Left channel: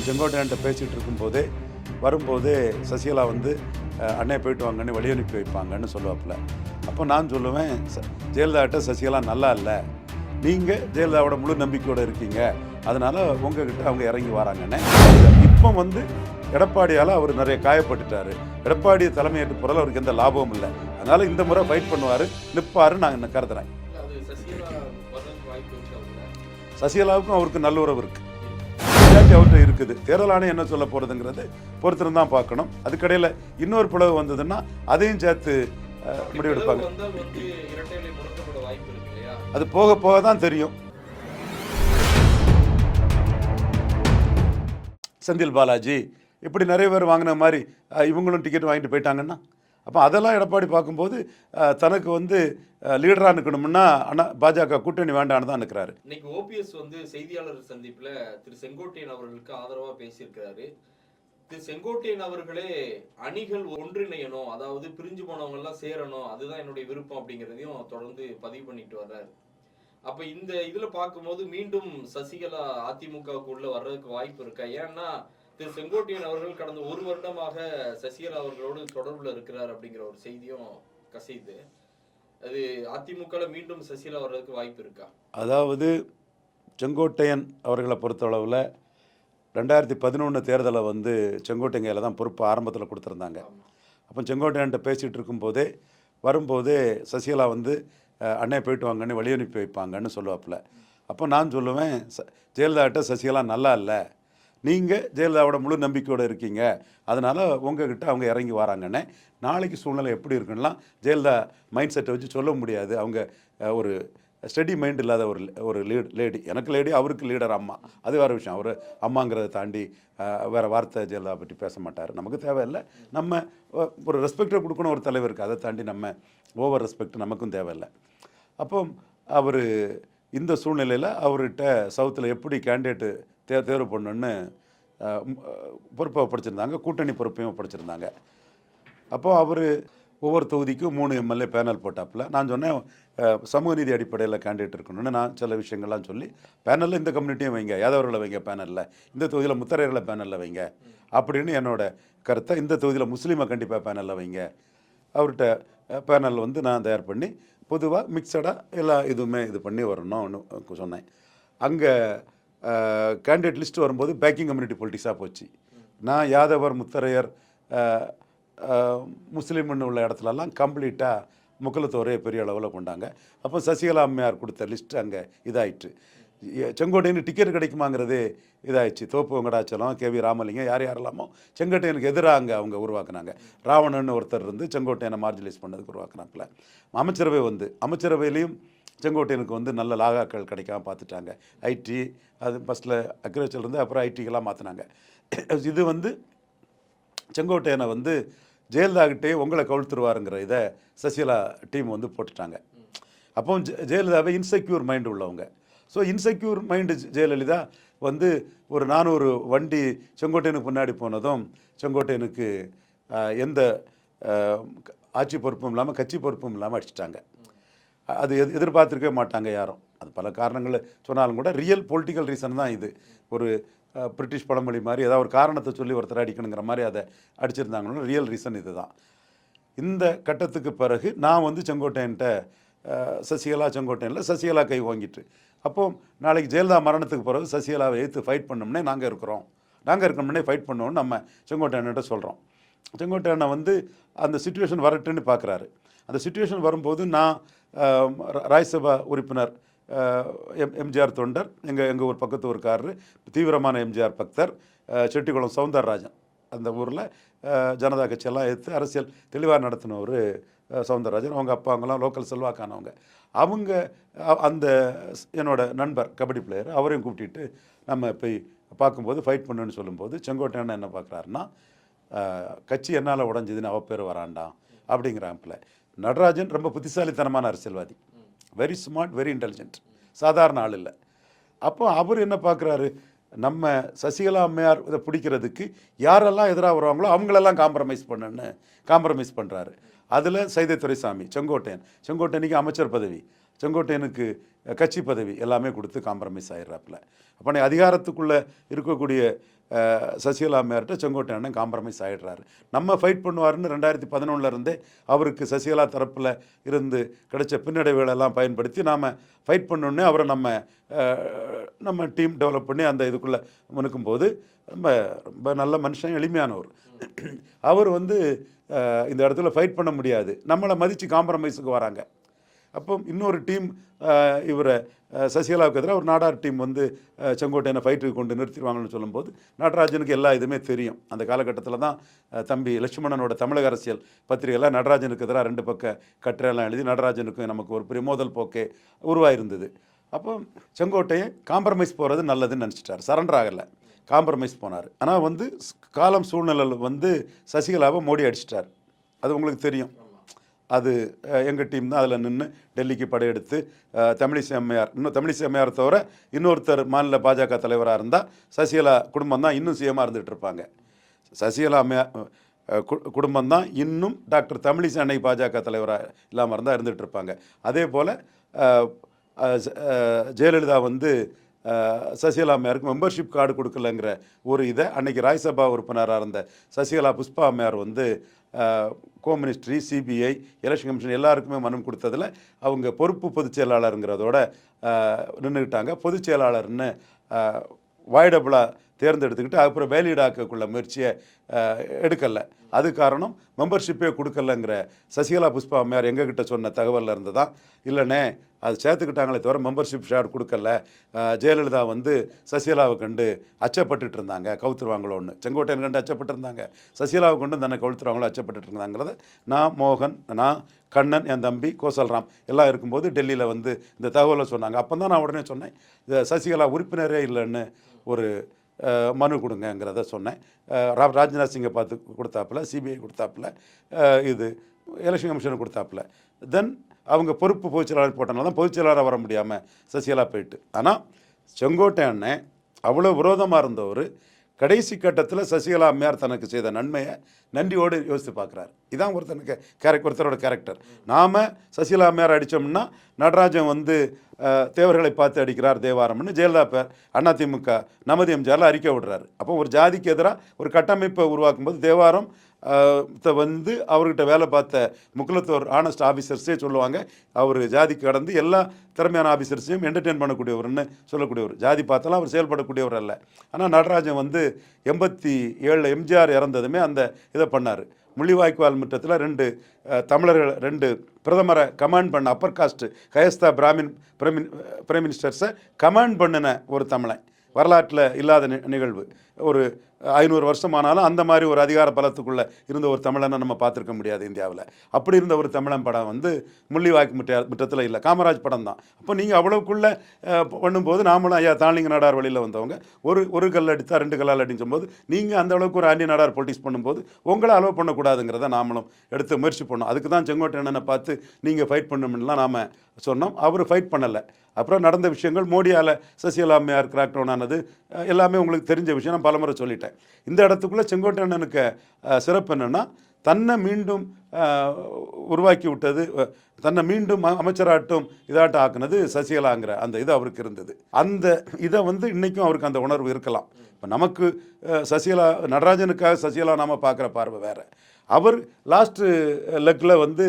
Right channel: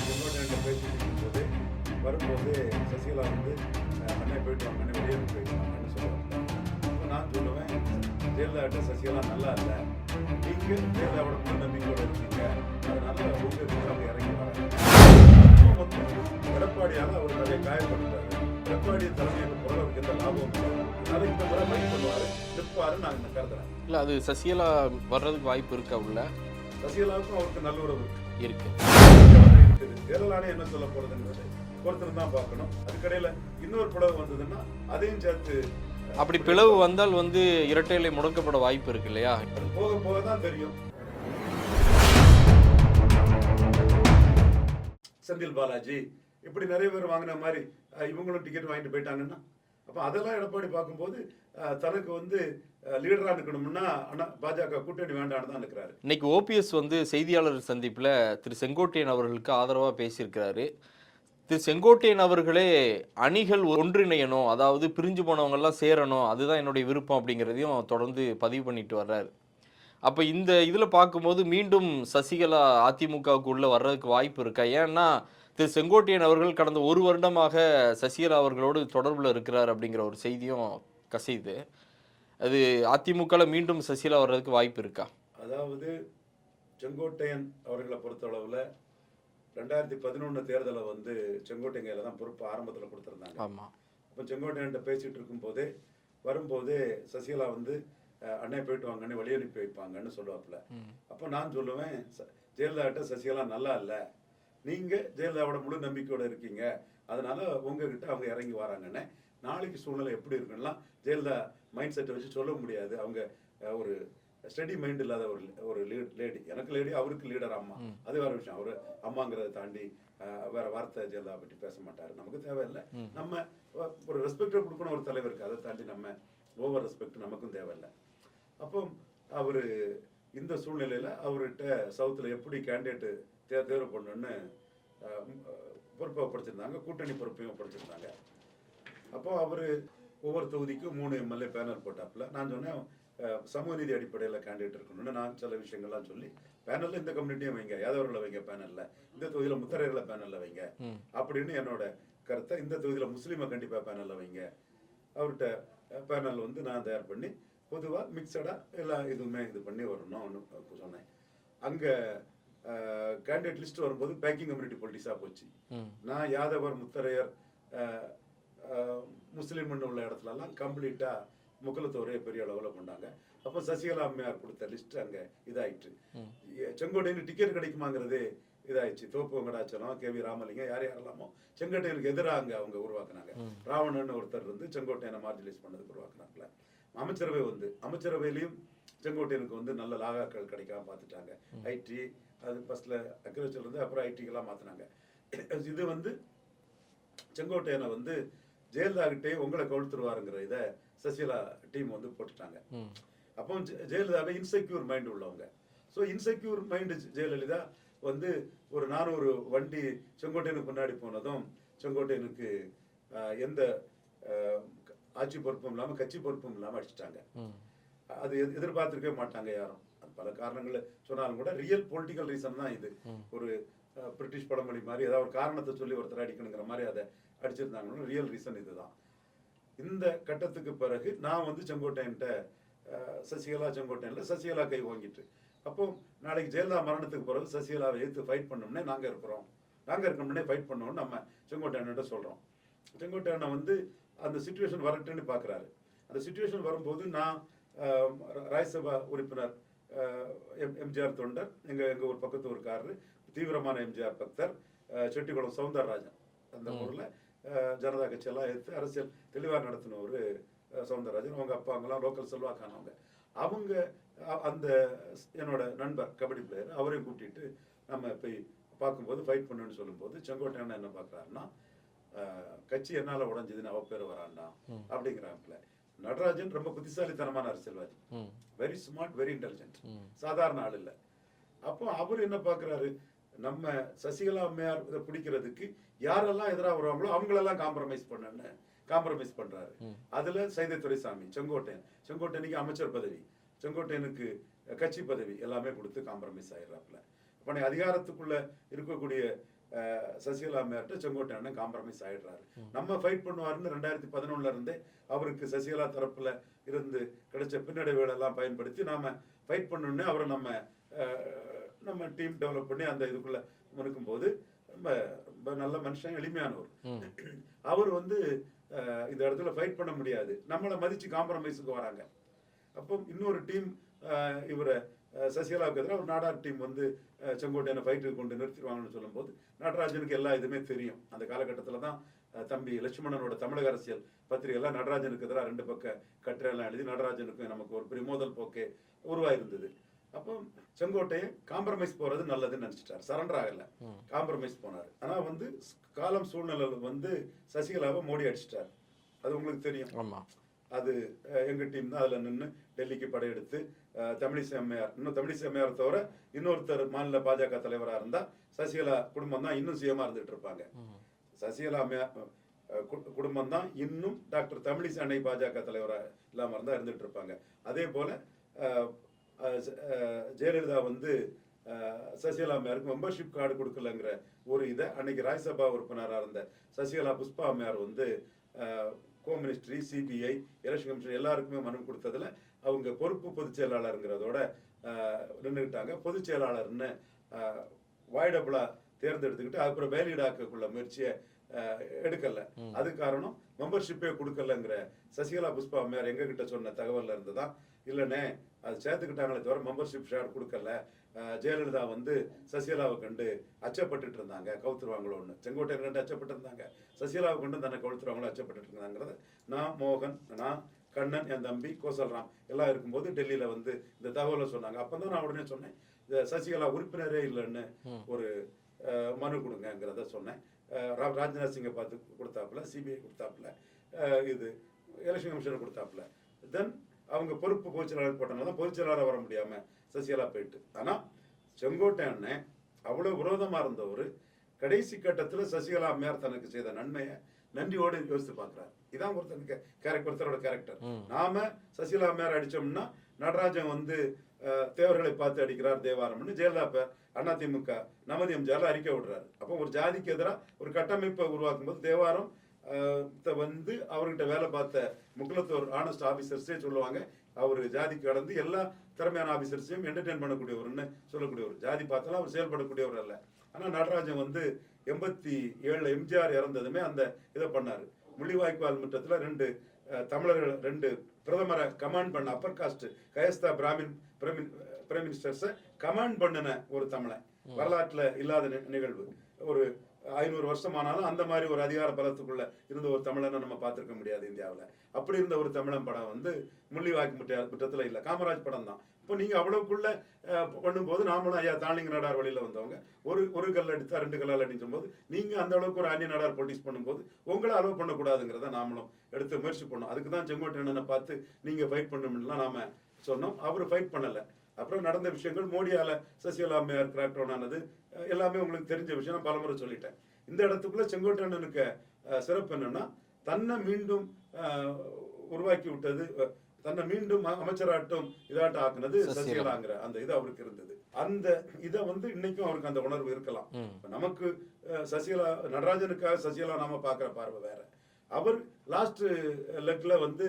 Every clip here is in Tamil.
அப்போ செங்கோட்டையன்ட்ட பேசிகிட்டு இருக்கும்போதே வரும்போதே சசிகலா வந்து அண்ணே போயிட்டு வாங்கன்னு வழி அனுப்பி வைப்பாங்கன்னு சொல்லுவாப்புல. அப்போ நான் சொல்லுவேன் "ச- ஜெயலலிதாட்ட சசிகலா நல்லா இல்லை. நீங்கள் ஜெயலலிதாவோட முழு நம்பிக்கையோடு இருக்கீங்க. அதனால உங்ககிட்ட அவங்க இறங்கி வராங்கன்னு. இப்போ வந்து எடப்பாடியால் அவர் நிறைய காயப்பட்டுட்டாரு. எடப்பாடி தலைமையேற்று போகிறதுல அவருக்கு எந்த லாபமும் இல்லை. அதனால இந்த முறை ஃபைட் பண்ணுவார் நிற்பாரு நான் கருதுறேன். இல்ல அது சசிகலா வர்றதுக்கு வாய்ப்பு இருக்கா உள்ள? சசிகலாவுக்கும் அவருக்கு நல்ல உறவு இருக்கு. இருக்கு. இருக்குது. தேர்தல் ஆணையம் என்ன சொல்ல போறதுங்கிறது பொறுத்திருந்து தான் பார்க்கணும். அதுக்கடையில் இன்னொரு பிளவு வந்ததுன்னா அதையும் சேர்த்து அப்படி பிளவு. வந்தால் வந்து இரட்டை இலை முடக்கப்பட வாய்ப்பு இருக்கு இல்லையா? அது போக போக தான் தெரியும். செந்தில் பாலாஜி இப்படி நிறைய பேர் வாங்கின மாதிரி இவங்களும் டிக்கெட் வாங்கிட்டு போயிட்டாங்கன்னா அப்போ அதெல்லாம் எடப்பாடி பார்க்கும்போது தனக்கு வந்து லீடராக நிற்கணும்னா அண்ணா பாஜக கூட்டணி வேண்டான்னு தான் நிற்கிறாரு இன்னைக்கு ஓபிஎஸ் வந்து செய்தியாளர் சந்திப்பில் திரு செங்கோட்டையன் அவர்களுக்கு ஆதரவாக பேசியிருக்கிறாரு. திரு செங்கோட்டையன் அவர்களே அணிகள் ஒன்றிணையணும் அதாவது பிரிஞ்சு போனவங்கெல்லாம் சேரணும் அதுதான் என்னுடைய விருப்பம் அப்படிங்கிறதையும் தொடர்ந்து பதிவு பண்ணிட்டு வர்றாரு. அப்போ இந்த இதில் பார்க்கும்போது மீண்டும் சசிகலா அதிமுகவுக்கு உள்ளே வர்றதுக்கு வாய்ப்பு இருக்கா? ஏன்னா திரு செங்கோட்டையன் அவர்கள் கடந்த ஒரு வருடமாக சசிகலா அவர்களோடு தொடர்புல இருக்கிறார் அப்படிங்கிற ஒரு செய்தியும் கசையுது. அது அதிமுகல மீண்டும் சசிகலா வர்றதுக்கு வாய்ப்பு இருக்கா? அதாவது செங்கோட்டையன் அவர்களை பொறுத்தளவில் ரெண்டாயிரத்தி பதினொன்று தேர்தலை வந்து செங்கோட்டையன் கையில் தான் பொறுப்பு ஆரம்பத்தில் கொடுத்துருந்தாங்க. ஆமா. அப்போ செங்கோட்டையன்ட்ட பேசிகிட்டு இருக்கும்போதே வரும்போதே சசிகலா வந்து அண்ணே போயிட்டு வாங்கன்னு வழி அனுப்பி வைப்பாங்கன்னு சொல்லுவாப்புல. அப்போ நான் சொல்லுவேன் ச ஜெயலலிதாட்ட சசிகலா நல்லா இல்லை நீங்கள் ஜெயலலிதாவோட முழு நம்பிக்கையோடு இருக்கீங்க. அதனால் உங்ககிட்ட அவங்க இறங்கி வராங்கன்னு நாளைக்கு சூழ்நிலை எப்படி இருக்குன்னா ஜெயலலிதா மைண்ட் செட்டை வச்சு சொல்ல முடியாது. அவங்க ஒரு ஸ்டடி மைண்ட் இல்லாத ஒரு ஒரு லீட் லேடி எனக்கு லேடி அவருக்கு லீடர் அம்மா. அது வேறு விஷயம். அவர் அம்மாங்கிறத தாண்டி வேற வார்த்தை ஜெயலலிதா பற்றி பேச மாட்டார். நமக்கு தேவையில்லை. நம்ம ஒரு ரெஸ்பெக்டை கொடுக்கணும் ஒரு தலைவருக்கு அதை தாண்டி நம்ம ஓவர் ரெஸ்பெக்ட் நமக்கும் தேவையில்லை. அப்போ அவர் இந்த சூழ்நிலையில் அவர்கிட்ட சவுத்தில் எப்படி கேண்டிடேட்டு தே தேர்வு பண்ணணுன்னு பொறுப்பை ஒப்படைச்சிருந்தாங்க கூட்டணி பொறுப்பையும் ஒப்படைச்சிருந்தாங்க அப்போ அவர் ஒவ்வொரு தொகுதிக்கும் மூணு எம்எல்ஏ பேனல் போட்டாப்புல. நான் சொன்னேன் சமூக நீதி அடிப்படையில் கேண்டிடேட் இருக்கணும்னு நான் சில விஷயங்கள்லாம் சொல்லி பேனலில் இந்த கம்யூனிட்டியும் வைங்க யாதவர்களை வைங்க பேனலில் இந்த தொகுதியில் முத்தரையர்களை பேனலில் வைங்க அப்படின்னு என்னோட கருத்தை இந்த தொகுதியில் முஸ்லீமை கண்டிப்பாக பேனலில் வைங்க. அவர்கிட்ட பேனல் வந்து நான் தயார் பண்ணி பொதுவாக மிக்சடாக எல்லா இதுவுமே இது பண்ணி வரணும்னு சொன்னேன். அங்கே கேண்டிடேட் லிஸ்ட் வரும்போது பேக்கிங் கம்யூனிட்டி பொலிட்டிக்ஸாக போச்சு. நான் யாதவர் முத்தரையர் முஸ்லீம்னு உள்ள இடத்துலலாம் கம்ப்ளீட்டாக முக்குலத்தோரே பெரிய அளவில் கொண்டாங்க. அப்போ சசிகலா அம்மையார் கொடுத்த லிஸ்ட் அங்கே இதாயிட்டு எ- செங்கோட்டையனுக்கு டிக்கெட் கிடைக்குமாங்கிறதே இதாயிடுச்சு. தோப்பு வெங்கடாச்சலம் கே வி ராமலிங்கம் யார் யாரெல்லாமோ செங்கோட்டையனுக்கு எதிராக அங்கே அவங்க உருவாக்குனாங்க. ராவணன் ஒருத்தர் இருந்து செங்கோட்டையனை மார்ஜிலைஸ் பண்ணதுக்கு உருவாக்குனாப்புல. அமைச்சரவை வந்து அமைச்சரவையிலையும் செங்கோட்டையனுக்கு வந்து நல்ல லாகாக்கள் கிடைக்காம பார்த்துட்டாங்க. ஐடி அது ஃபஸ்ட்டில் அக்ரிகல்ச்சர் இருந்து அப்புறம் ஐடிக்கெல்லாம் மாற்றினாங்க இது வந்து செங்கோட்டையனை வந்து ஜெயலலிதாகிட்டே உங்களை கவுழ்த்துருவாருங்கிற இதை சசிகலா டீம் வந்து போட்டுட்டாங்க. அப்போ ஜெ- ஜெயலலிதாவை இன்செக்யூர் மைண்டு உள்ளவங்க. ஸோ இன்செக்யூர் மைண்டு ஜெயலலிதா வந்து ஒரு நானூறு வண்டி செங்கோட்டையனுக்கு முன்னாடி போனதும் செங்கோட்டையனுக்கு எந்த ஆட்சி பொறுப்பும் இல்லாமல் கட்சி பொறுப்பும் இல்லாமல் அடிச்சிட்டாங்க. அது எது எதிர்பார்த்துருக்கவே மாட்டாங்க யாரும். அது பல காரணங்கள் சொன்னாலும் கூட ரியல் பொலிட்டிக்கல் ரீசன் தான் இது. ஒரு பிரிட்டிஷ் பழமொழி மாதிரி ஏதாவது ஒரு காரணத்தை சொல்லி ஒருத்தர் அடிக்கணுங்கிற மாதிரி அதை அடிச்சிருந்தாங்கன்னா ரியல் ரீசன் இதுதான். இந்த கட்டத்துக்கு பிறகு நான் வந்து செங்கோட்டையன்ட்ட சசிகலா செங்கோட்டையனில் சசிகலா கை வாங்கிட்டு அப்போ நாளைக்கு ஜெயலலிதா மரணத்துக்கு பிறகு சசிகலாவை எதிர்த்து ஃபைட் பண்ணோம்னே நாங்கள் இருக்கிறோம். நாங்கள் இருக்கணும்னே ஃபைட் பண்ணோம்னு நம்ம செங்கோட்டையன்கிட்ட சொல்கிறோம் செங்கோட்டையனை வந்து அந்த சுச்சுவேஷன் வரட்டுன்னு பார்க்குறாரு அந்த சுச்சுவேஷன் வரும்போது நான் ராஜ்யசபா உறுப்பினர் எம் எம்ஜிஆர் தொண்டர் எங்கள் எங்கள் ஊர் பக்கத்து ஊருக்காரரு தீவிரமான எம்ஜிஆர் பக்தர் செட்டிக்குளம் சவுந்தரராஜன். அந்த ஊரில் ஜனதா கட்சியெல்லாம் எடுத்து அரசியல் தெளிவாக நடத்தினவர் சவுந்தரராஜன். அவங்க அப்பா அவங்களாம் லோக்கல் செல்வாக்கானவங்க. அவங்க அந்த என்னோட நண்பர் கபடி பிளேயர் அவரையும் கூப்பிட்டுட்டு நம்ம போய் பார்க்கும்போது ஃபைட் பண்ணுன்னு சொல்லும்போது செங்கோட்டையன் என்ன பார்க்குறாருன்னா கட்சி என்னால் உடஞ்சதுன்னு அவ பேர் வராண்டாம் அப்படிங்கிறாப்புல. நடராஜன் ரொம்ப புத்திசாலித்தனமான அரசியல்வாதி. வெரி ஸ்மார்ட் வெரி இன்டெலிஜென்ட் சாதாரண ஆள் இல்லை. அப்போ அவர் என்ன பார்க்குறாரு நம்ம சசிகலா அம்மையார் இதை பிடிக்கிறதுக்கு யாரெல்லாம் எதிராக வருவாங்களோ அவங்களெல்லாம் காம்ப்ரமைஸ் பண்ணுன்னு காம்ப்ரமைஸ் பண்ணுறாரு அதில் சைதை துரைசாமி செங்கோட்டையன். செங்கோட்டையனுக்கு அமைச்சர் பதவி செங்கோட்டையனுக்கு கட்சி பதவி எல்லாமே கொடுத்து காம்ப்ரமைஸ் ஆயிடுறாப்புல. அப்போ அதிகாரத்துக்குள்ளே இருக்கக்கூடிய சசிகலா மேர்கிட்ட செங்கோட்டை அண்ணன் காம்ப்ரமைஸ் ஆயிடுறாரு. நம்ம ஃபைட் பண்ணுவாருன்னு ரெண்டாயிரத்தி பதினொன்னுல இருந்தே அவருக்கு சசிகலா தரப்பில் இருந்து கிடைச்ச பின்னடைவுகளெல்லாம் பயன்படுத்தி நாம் ஃபைட் பண்ணோன்னே அவரை நம்ம நம்ம டீம் டெவலப் பண்ணி அந்த இதுக்குள்ளே முனுக்கும் போது ரொம்ப ரொம்ப நல்ல மனுஷன் எளிமையானவர். அவர் வந்து இந்த இடத்துல ஃபைட் பண்ண முடியாது. நம்மளை மதித்து காம்ப்ரமைஸுக்கு வராங்க. அப்போ இன்னொரு டீம் இவரை சசிகலாவுக்கு எதிராக ஒரு நாடார் டீம் வந்து செங்கோட்டையனை ஃபைட்டுக்கு கொண்டு நிறுத்திடுவாங்கன்னு சொல்லும்போது நடராஜனுக்கு எல்லா இதுவுமே தெரியும். அந்த காலகட்டத்தில் தான் தம்பி லட்சுமணனோட தமிழக அரசியல் பத்திரிகையில் நடராஜனுக்கு எதிராக ரெண்டு பக்க கட்டுரையெல்லாம் எழுதி நடராஜனுக்கும் நமக்கு ஒரு பெரிய மோதல் போக்கே உருவாயிருந்தது. அப்போ செங்கோட்டையன் காம்ப்ரமைஸ் போகிறது நல்லதுன்னு நினச்சிட்டார். சரண்டர் ஆகலை. காம்ப்ரமைஸ் போனார். ஆனால் வந்து காலம் சூழ்நிலை வந்து சசிகலாவை மோடி அடிச்சிட்டார். அது உங்களுக்கு தெரியும். ஆமாம் அது எங்கள் டீம் தான் அதில் நின்று டெல்லிக்கு படையெடுத்து தமிழிசை அம்மையார் இன்னும் தமிழிசை அம்மையார் தவிர இன்னொருத்தர் மாநில பாஜக தலைவராக இருந்தால் சசிகலா குடும்பம் தான் இன்னும் சிஎமாக இருந்துகிட்டு இருப்பாங்க. சசிகலா அம்மையார் கு- குடும்பம் தான் இன்னும் டாக்டர் தமிழிசை அன்னை பாஜக தலைவராக இல்லாமல் இருந்தால் இருந்துகிட்டு இருப்பாங்க. அதே போல் ஜெயலலிதா வந்து சசிகலா அம்மையாருக்கு மெம்பர்ஷிப் கார்டு கொடுக்கலங்கிற ஒரு இதை அன்னைக்கு ராஜ்யசபா உறுப்பினராக இருந்த சசிகலா புஷ்பா அம்மையார் வந்து home ministry CBI election commission எல்லாருக்குமே மனம் கொடுத்ததில் அவங்க பொறுப்பு பொதுச் செயலாளருங்கிறதோட நின்றுக்கிட்டாங்க பொதுச் செயலாளர்னு வாய்டபுளாக தேர்ந்தெடுத்துக்கிட்டு அப்புறம் வேலிடாக்கக்குள்ள முயற்சியை எடுக்கலை. அது காரணம் மெம்பர்ஷிப்பே கொடுக்கலங்கிற சசிகலா புஷ்பா அம்மையார் எங்ககிட்ட சொன்ன தகவலில் இருந்து தான். இல்லைண்ணே அது சேர்த்துக்கிட்டாங்களே தவிர மெம்பர்ஷிப் ஷேர் கொடுக்கல. ஜெயலலிதா வந்து சசிகலாவை கண்டு அச்சப்பட்டுட்டு இருந்தாங்க. கவுத்துருவாங்களோன்னு. செங்கோட்டையன் கண்டு அச்சப்பட்டு இருந்தாங்க சசிகலாவை கொண்டு தன்னை கவுத்துருவாங்களோ அச்சப்பட்டுட்டு இருந்தாங்கிறத நான் மோகன் நான் கண்ணன் என் தம்பி கோசல்ராம் எல்லாம் இருக்கும்போது டெல்லியில் வந்து இந்த தகவலை சொன்னாங்க. அப்போ தான் நான் உடனே சொன்னேன் இது சசிகலா உறுப்பினரே இல்லைன்னு ஒரு மனு கொடுங்கங்கிறத சொன்னேன். ராஜ்நாத் சிங்கை பார்த்து கொடுத்தாப்புல சிபிஐ கொடுத்தாப்புல இது எலெக்ஷன் கமிஷன் கொடுத்தாப்புல. தென் அவங்க பொறுப்பு பொதுச்செயலாளர் போட்டனால தான் பொதுச்செயலாளராக வர முடியாமல் சசிகலா போயிட்டு. ஆனால் செங்கோட்டை அண்ணன் அவ்வளோ விரோதமாக இருந்தவர் கடைசி கட்டத்தில் சசிகலா அம்மையார் தனக்கு செய்த நன்மையை நன்றியோடு யோசித்து பார்க்குறாரு. இதான் ஒருத்தனுக்கு கேரக்டர் ஒருத்தரோட கேரக்டர் நாம சசிகலா அம்மையார் அடித்தோம்னா நடராஜன் வந்து தேவர்களை பார்த்து அடிக்கிறார் தேவாரம்னு ஜெயலலிதா பேர் அதிமுக நமது எம்ஜிஆரில் அறிக்கை விடுறாரு. அப்போ ஒரு ஜாதிக்கு எதிராக ஒரு கட்டமைப்பை உருவாக்கும் போது தேவாரம் த வந்து அவர்கிட்ட வேலை பார்த்த முக்குலத்தோர் ஆனஸ்ட் ஆஃபீஸர்ஸே சொல்லுவாங்க அவர் ஜாதி கடந்து எல்லா திறமையான ஆஃபீஸர்ஸையும் என்டர்டெயின் பண்ணக்கூடியவர்னு சொல்லக்கூடியவர். ஜாதி பார்த்தாலும் அவர் செயல்படக்கூடியவர் அல்ல. ஆனால் நடராஜன் வந்து எண்பத்தி ஏழில் எம்ஜிஆர் இறந்ததுமே அந்த இதை பண்ணார். முள்ளிவாய்க்கால் முற்றத்தில் ரெண்டு தமிழர்கள் ரெண்டு பிரதமரை கமாண்ட் பண்ண அப்பர் காஸ்ட் கயஸ்தா பிராமின் பிரைமின் பிரைம் மினிஸ்டர்ஸை கமாண்ட் பண்ணின ஒரு தமிழன். வரலாற்றில் இல்லாத நி- நிகழ்வு. ஒரு ஐநூறு வருஷம் ஆனாலும் அந்த மாதிரி ஒரு அதிகார பலத்துக்குள்ளே இருந்த ஒரு தமிழனை நம்ம பார்த்துருக்க முடியாது இந்தியாவில். அப்படி இருந்த ஒரு தமிழன் படம் வந்து முள்ளிவாய்க்கு முற்ற முற்றத்தில் இல்லை. காமராஜ் படம் தான். அப்போ நீங்கள் அவ்வளோக்குள்ளே பண்ணும்போது நாமளும் ஐயா தாளிங்க நாடார் வழியில் வந்தவங்க ஒரு ஒரு கல் அடித்தா ரெண்டு கல்லால் அடிச்சும் போது நீங்கள் அந்த அளவுக்கு ஒரு ஆண்டி நாடார் பொலிட்டிக்ஸ் பண்ணும்போது உங்களை அலோவ் பண்ணக்கூடாதுங்கிறத நாமளும் எடுத்து முயற்சி பண்ணோம். அதுக்கு தான் செங்கோட்டையனை பார்த்து நீங்கள் ஃபைட் பண்ணணும்லாம் நாம் சொன்னோம். அவர் ஃபைட் பண்ணலை. அப்புறம் நடந்த விஷயங்கள் மோடியால் சசிகலா அம்மையார் ஆனது எல்லாமே உங்களுக்கு தெரிஞ்ச விஷயம். நான் பலமுறை சொல்லிட்டேன். இந்த இடத்துக்குள்ளே செங்கோட்டையனுக்கு அஹ், சிறப்பு என்னென்னா தன்னை மீண்டும் உருவாக்கி விட்டது தன்னை மீண்டும் அமைச்சராட்டும் இதாட்டம் ஆக்குனது சசிகலாங்கிற அந்த இது அவருக்கு இருந்தது. அந்த இதை வந்து இன்னைக்கும் அவருக்கு அந்த உணர்வு இருக்கலாம். இப்போ நமக்கு சசிகலா நடராஜனுக்காக சசிகலா நாம பார்க்குற பார்வை வேற. அவர் லாஸ்ட்டு லெக்கில் வந்து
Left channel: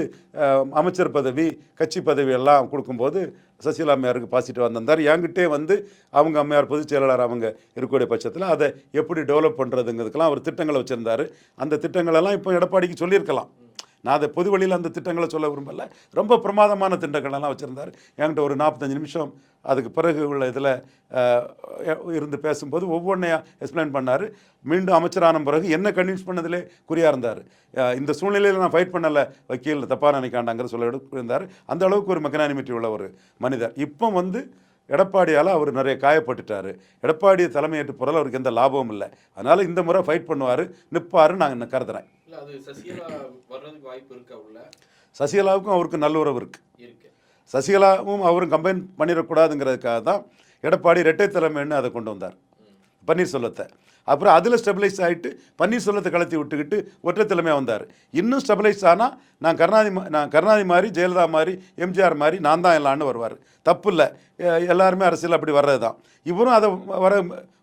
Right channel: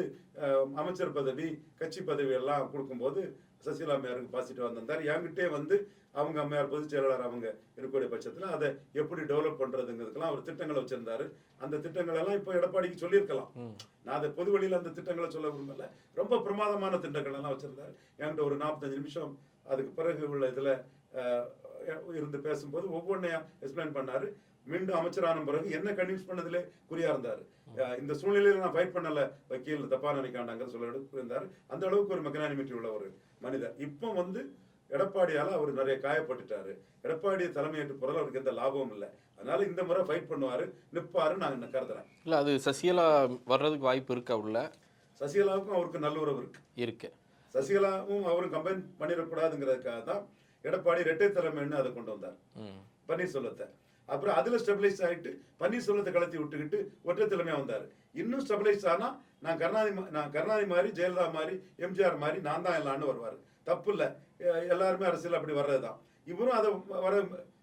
அமைச்சர் பதவி கட்சி பதவி எல்லாம் கொடுக்கும்போது சசிகலா அம்மையாருக்கு பாசிட்டிவ் வந்திருந்தார். என்கிட்டே வந்து அவங்க அம்மையார் பொதுச் செயலாளர் அவங்க இருக்கக்கூடிய பட்சத்தில் அதை எப்படி டெவலப் பண்ணுறதுங்கிறதுக்கெல்லாம் அவர் திட்டங்களை வச்சுருந்தார். அந்த திட்டங்களெல்லாம் இப்போ எடப்பாடிக்கு சொல்லியிருக்கலாம். நான் அதை பொது வழியில் அந்த திட்டங்களை சொல்ல விரும்பல. ரொம்ப பிரமாதமான திட்டங்களெல்லாம் வச்சுருந்தார். என்கிட்ட ஒரு நாற்பத்தஞ்சு நிமிஷம் அதுக்கு பிறகு உள்ள இதில் இருந்து பேசும்போது ஒவ்வொன்றையும் எக்ஸ்பிளைன் பண்ணார். மீண்டும் அமைச்சரான பிறகு என்ன கன்வின்ஸ் பண்ணதிலே குறியாக இருந்தார். இந்த சூழ்நிலையில் நான் ஃபைட் பண்ணலை வக்கீல் தப்பாக நினைக்காண்டாங்கிற சொல்ல இருந்தார் அந்த அளவுக்கு ஒரு மெக்கனானிமிட்டி உள்ள ஒரு மனிதர். இப்போ வந்து எடப்பாடியால் அவர் நிறைய காயப்பட்டுட்டாரு. எடப்பாடியை தலைமையேற்று போகிறால் அவருக்கு எந்த லாபமும் இல்லை. அதனால் இந்த முறை ஃபைட் பண்ணுவார் நிற்பாருன்னு நான் கருதுறேன். இல்ல அது சசிகலா வர்றதுக்கு வாய்ப்பு இருக்கா உள்ள? சசிகலாவுக்கும் அவருக்கு நல்லுறவு இருக்குது இருக்கு. சசிகலாவும் அவரும் கம்பைன் பண்ணிடக்கூடாதுங்கிறதுக்காக தான் எடப்பாடி இரட்டை தலைமைன்னு அதை கொண்டு வந்தார். பன்னீர்செல்வத்தை. அப்புறம் அதில் ஸ்டெபிலைஸ் ஆகிட்டு பன்னீர்செல்வத்தை கலத்தி விட்டுக்கிட்டு ஒற்றை வந்தார். இன்னும் ஸ்டெபிலைஸ் ஆனால் நான் கருணாநிதி நான் கருணாநிதி மாதிரி ஜெயலலிதா மாதிரி எம்ஜிஆர் மாதிரி நான் தான் எல்லான்னு வருவார். தப்பு இல்லை. எல்லாருமே அரசியல் அப்படி வர்றது தான் இவரும் அதை வர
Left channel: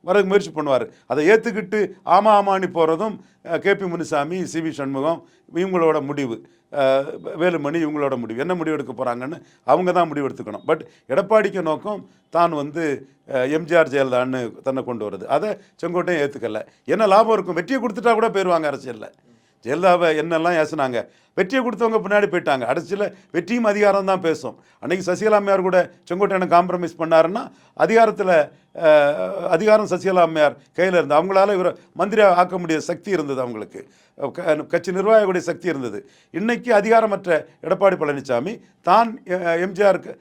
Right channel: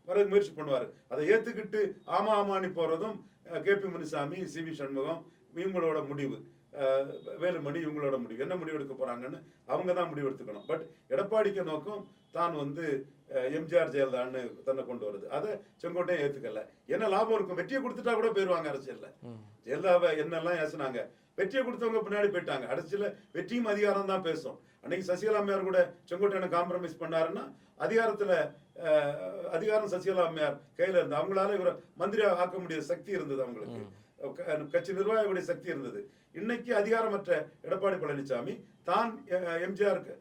வர முயற்சி பண்ணுவார். அதை ஏற்றுக்கிட்டு ஆமா ஆமான்னு போகிறதும் KP Munusamy C. V. Shanmugam இவங்களோட முடிவு. வேலுமணி இவங்களோட முடிவு. என்ன முடிவு எடுக்க போகிறாங்கன்னு அவங்க தான் முடிவு எடுத்துக்கணும். பட் எடப்பாடிக்கு நோக்கம் தான் வந்து எம்ஜிஆர் ஜெயலலிதான்னு தன்னை கொண்டு வருது. அதை செங்கோட்டையும் ஏற்றுக்கல என்ன லாபம் இருக்கும்? வெற்றியை கொடுத்துட்டா கூட போயிடுவாங்க அரசியலில். ஜெயலலிதாவை என்னெல்லாம் ஏசுனாங்க? வெற்றியை கொடுத்தவங்க பின்னாடி போயிட்டாங்க. அரசியலில் வெற்றியும் அதிகாரம் தான் பேசும். அன்றைக்கி சசிகலா அம்மையார் கூட செங்கோட்டையனை காம்ப்ரமைஸ் பண்ணாருன்னா அதிகாரத்தில் அதிகாரம் சசிகலா அம்மையார் கையில் இருந்து அவங்களால இவரை மந்திரியாக ஆக்க முடிய சக்தி இருந்தது அவங்களுக்கு. கட்சி நிர்வாகக்கூடிய சக்தி இருந்தது. இன்னைக்கு அதிகாரமற்ற எடப்பாடி பழனிசாமி தான் எம்ஜிஆருக்கு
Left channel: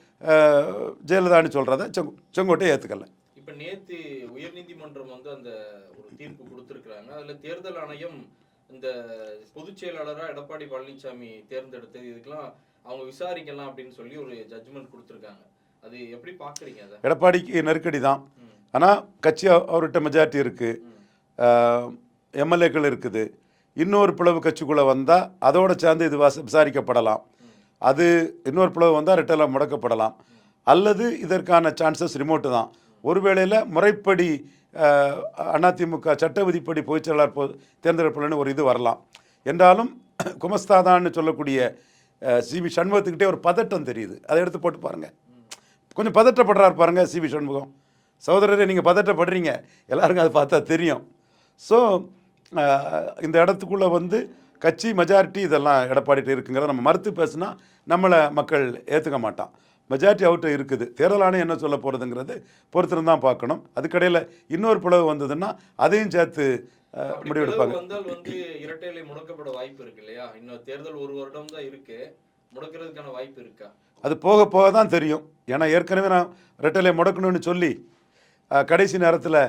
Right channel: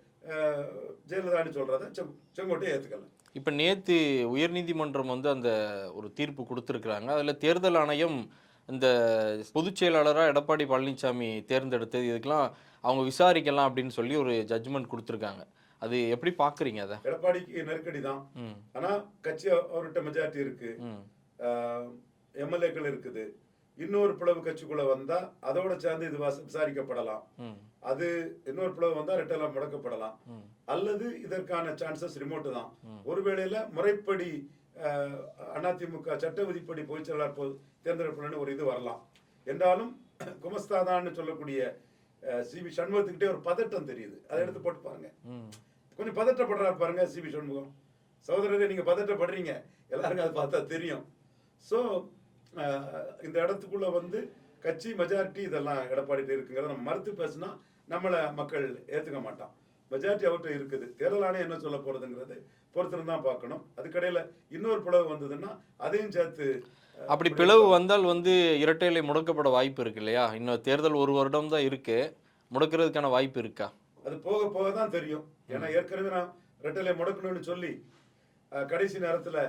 ஜெயலலிதான்னு சொல்கிறத செங்கோட்டையை ஏற்றுக்கலை இப்போ நேற்று உயர்நீதிமன்றம் வந்து அந்த ஒரு தீர்ப்பு கொடுத்துருக்குறாங்க. அதில் தேர்தல் ஆணையம் இந்த பொதுச் செயலாளராக எடப்பாடி பழனிசாமி தேர்ந்தெடுத்தது இதுக்கெல்லாம் அவங்க விசாரிக்கலாம் அப்படின்னு சொல்லி ஒரு ஜட்ஜ்மெண்ட் கொடுத்துருக்காங்க. அது எப்படி பார்க்குறீங்க அதை? எடப்பாடிக்கு நெருக்கடி தான். ஆனால் கட்சி அவ- அவர்கிட்ட மெஜாரிட்டி இருக்குது எம்எல்ஏக்கள் இருக்குது. இன்னொரு பிளவு கட்சிக்குள்ளே வந்தால் அதோட சேர்ந்து இது வாச- விசாரிக்கப்படலாம். அது இன்னொரு பிளவு வந்தால் ரெட்டெல்லாம் முடக்கப்படலாம். அல்லது இதற்கான சான்சஸ் ரிமோட்டு தான். ஒருவேளையில் முறைப்படி அதிமுக சட்ட விதிப்படி பொதுச்செயலாளர் பொ தேர்ந்தெடுப்புலன்னு ஒரு இது வரலாம். என்றாலும் குமஸ்தாதான்னு சொல்லக்கூடிய சி வி சண்முகத்துக்கிட்டே ஒரு பதட்டம் தெரியுது. அதை எடுத்து போட்டு பாருங்கள் கொஞ்சம் பதட்டப்படுறாரு பாருங்கள் சி வி சண்முகம். சகோதரரே நீங்கள் பதட்டப்படுறீங்க. எல்லாருக்கும் அது பார்த்தா தெரியும். ஸோ இந்த இடத்துக்குள்ளே வந்து கட்சி மெஜாரிட்டி இதெல்லாம் எடப்பாடிட்டு இருக்குங்கிறத நம்ம மறுத்து பேசுனா நம்மளை மக்கள் ஏற்றுக்க மாட்டான். மெஜாரிட்டி அவர்கிட்ட இருக்குது. தேர்தல் ஆணையம் என்ன சொல்ல போகிறதுங்கிறது பொறுத்திருந்து தான் பார்க்கணும். அதுக்கடையில் இன்னொரு பிளவு வந்ததுன்னா அதையும் சேர்த்து அப்படி பிளவு. வந்தால் வந்து இரட்டை இலை முடக்கப்பட வாய்ப்பு இருக்கு இல்லையா? இன்னும் தேர்தல் ஒரு வருடம் தான் இருக்கு. முடக்கிறதுக்கான வாய்ப்பு இருக்கா? அது போக போக தான் தெரியும். ஏன்னா ஏற்கனவே நான் ரெட்டலை முடக்கணும்னு சொல்லி கடைசி நேரத்தில்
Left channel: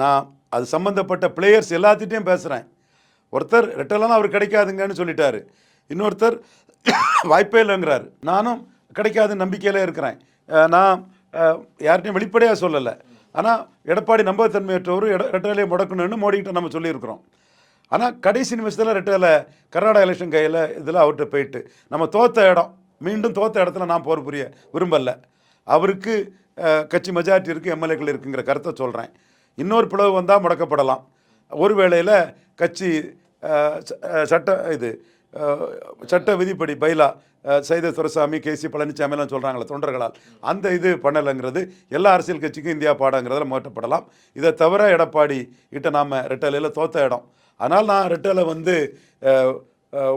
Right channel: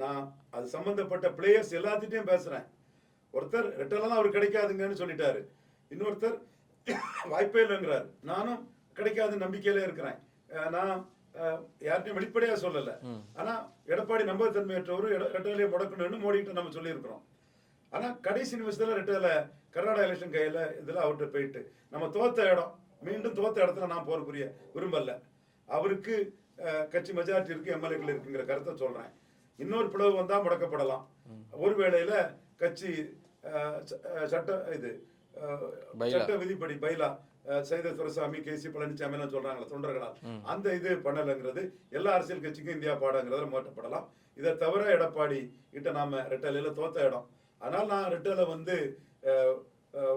நான் அது சம்மந்தப்பட்ட பிளேயர்ஸ் எல்லாத்திட்டையும் பேசுகிறேன் ஒருத்தர் ரெட்டலாம் அவர் கிடைக்காதுங்கன்னு சொல்லிட்டாரு. இன்னொருத்தர் வாய்ப்பே இல்லைங்கிறாரு. நானும் கிடைக்காது நம்பிக்கையில் இருக்கிறேன். நான் அஹ், யார்கிட்டையும் வெளிப்படையாக சொல்லலை. ஆனால் எடப்பாடி நம்பகத்தன்மையற்றவர் எட ரெட்டலையை முடக்கணும்னு மோடிக்கிட்ட நம்ம சொல்லியிருக்கிறோம். ஆனால் கடைசி நிமிஷத்தில் ரெட்டலை கர்நாடகா எலெக்ஷன் கையில் இதில் அவர்கிட்ட போயிட்டு நம்ம தோத்த இடம் மீண்டும் தோத்த இடத்துல நான் போர் புரிய விரும்பலை. அவருக்கு கட்சி மெஜாரிட்டி இருக்குது எம்எல்ஏக்கள் இருக்குங்கிற கருத்தை சொல்கிறேன் இன்னொரு பிளவு வந்தால் முடக்கப்படலாம். ஒரு வேளையில் கட்சி ச- சட்ட இது சட்ட விதிப்படி bylaw Saidai Duraisamy K C Palaniswami எல்லாம் சொல்கிறாங்களே தொண்டர்களால். அந்த இது பண்ணலைங்கிறது எல்லா அரசியல் கட்சிக்கும் இந்தியா பாடங்கிறதுல மாற்றப்படலாம். இதை தவிர எடப்பாடி கிட்ட நாம் ரெட்டலையில் தோத்த இடம். அதனால் நான் ரெட்டலை வந்து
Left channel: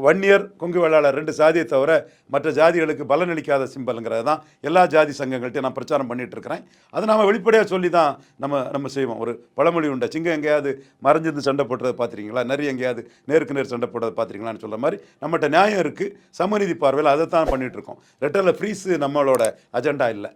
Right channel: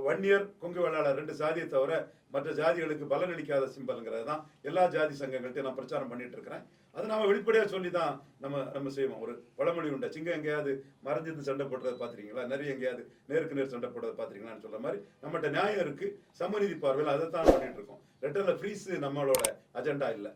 ஒன் இயர் கொங்கு வேளாளர் ரெண்டு சாதியை தவிர மற்ற ஜாதிகளுக்கு பலனளிக்காத சிம்பலுங்கிறது தான் எல்லா ஜாதி சங்கங்கள்ட்டையும் நான் பிரச்சாரம் பண்ணிகிட்டு இருக்கிறேன் அதை நாம் வெளிப்படையாக சொல்லி தான் நம்ம நம்ம செய்வோம். ஒரு பழமொழி உண்டா. சிங்கம் எங்கேயாவது மறைஞ்சிருந்து சண்டை போடுறதை பார்த்துருக்கீங்களா நிறைய எங்கேயாவது நேருக்கு நேர் சண்டை போடுறதை பார்த்துருக்கீங்களான்னு சொல்ல மாதிரி நம்மகிட்ட நியாயம் இருக்குது சமநீதி பார்வையில் அதை தான் பண்ணிகிட்ருக்கோம் இருக்கோம் ஃப்ரீஸு நம்மளோட அஜெண்டா இல்லை.